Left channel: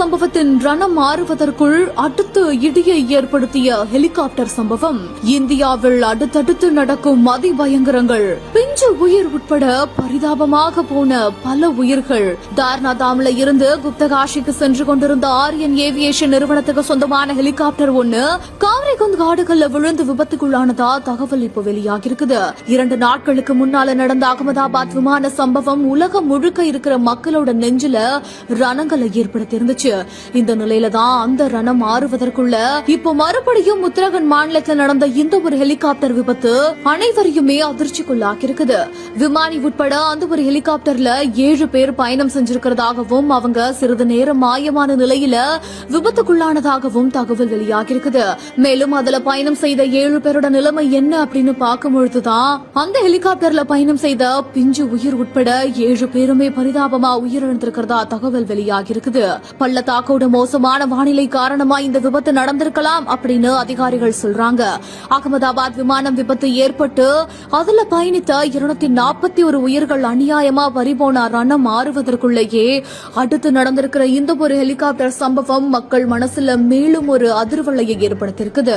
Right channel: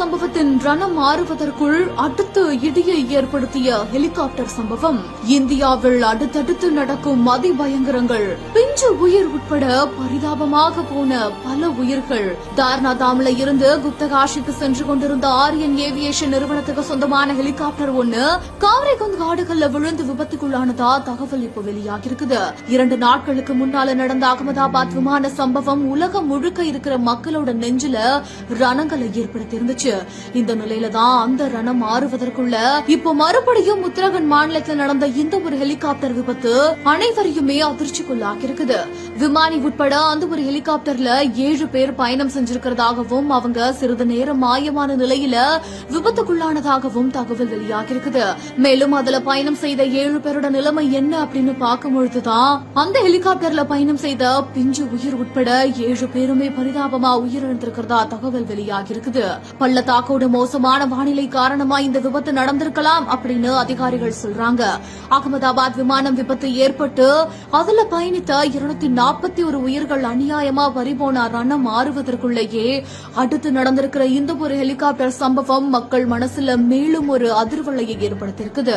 சம்பவத்தின் ரணம் மாறுவதற்குள் அடுத்து இடியை ஏற்படுத்திய ஹெலிகாப்டர் சம்பவம். இந்தியாவில் அடுத்தடுத்து நடக்கும் அதிபயங்கரங்கள் பிஞ்சு உயிர் உட்பட பரிதாபமாக போன பல உயிர்கள். தார்னாதாமில் இருந்து குப்தகாஷிக்கு சென்று கொண்டிருந்த ஆரியன் ஏவியேஷன் நிறுவனத்துக்கு சொந்தமான ஹெலிகாப்டர் ஒன்னு காரைகுந்த் காடுகள்ல விழுந்து விபத்துக்குள்ளானதா தகவல் இப்போ வெளியாகி இருக்குது இரண்டு நாட்களுக்கு முன்னால நடந்த அகமதாபாத் விமான சம்பவம் உலகம் முழுக்க இருக்கிற மக்களோட நெஞ்சில ரணங்களை ஏற்படுத்தி இருந்துச்சு இந்த நிலையில தான் அந்த ரணம் மாறுவதற்குள்ள இப்போ மறுபடியும் உத்தரகண்ட் மாநிலத்தில் நடந்த இந்த ஒரு ஹெலிகாப்டர் விபத்து அனைவரையுமே அதிர்ச்சிக்குள்ளாக்கி இருக்குது விமானி உட்பட அந்த ஒரு ஹெலிகாப்டர்ல ஏழு பேர் பயணம் செஞ்சிருக்கிறதாகவும் அவங்க சிறிது நேரம் மாயமான நிலையில விபத்துக்குள்ளானதாகவும் தகவல் வெளியாகி இருக்குது மேலும் அதுல பயணம் செய்த ஏழு பேரோட நிலைமை என்ன அப்படின்னு பார்க்கும் பொழுதுதான் அந்த ஹெலிகாப்டர்ல பயணம் செய்த பிஞ்சு உயிர் உட்பட ஏழு பேருமே பரிதாபமா உயிரிழந்திருக்கிறதா தகவல் வெளியாகிருக்குது பள்ளத்தாக்கோட மோசமான வானிலை காரணமா இந்த விபத்து நடந்திருக்கலாம் அப்படின்னு அதிகாரிகள் சொல்றாங்க. அகமதாபாத் விமானம் விபத்து ஏற்பட்டு அதுல பயணித்த இருநூத்தி நாற்பத்தி ஒரு உயிர்கள் அநியாயமா பறிபோன ரணம் மாறுவதற்குள்ளேயே அடுத்து நடந்திருக்கிற இந்த ஒரு ஹெலிகாப்டர் சம்பவம் மக்கள் மனசுல மேலும் ஒரு அதிர்வலையை ஏற்படுத்தியிருக்குது.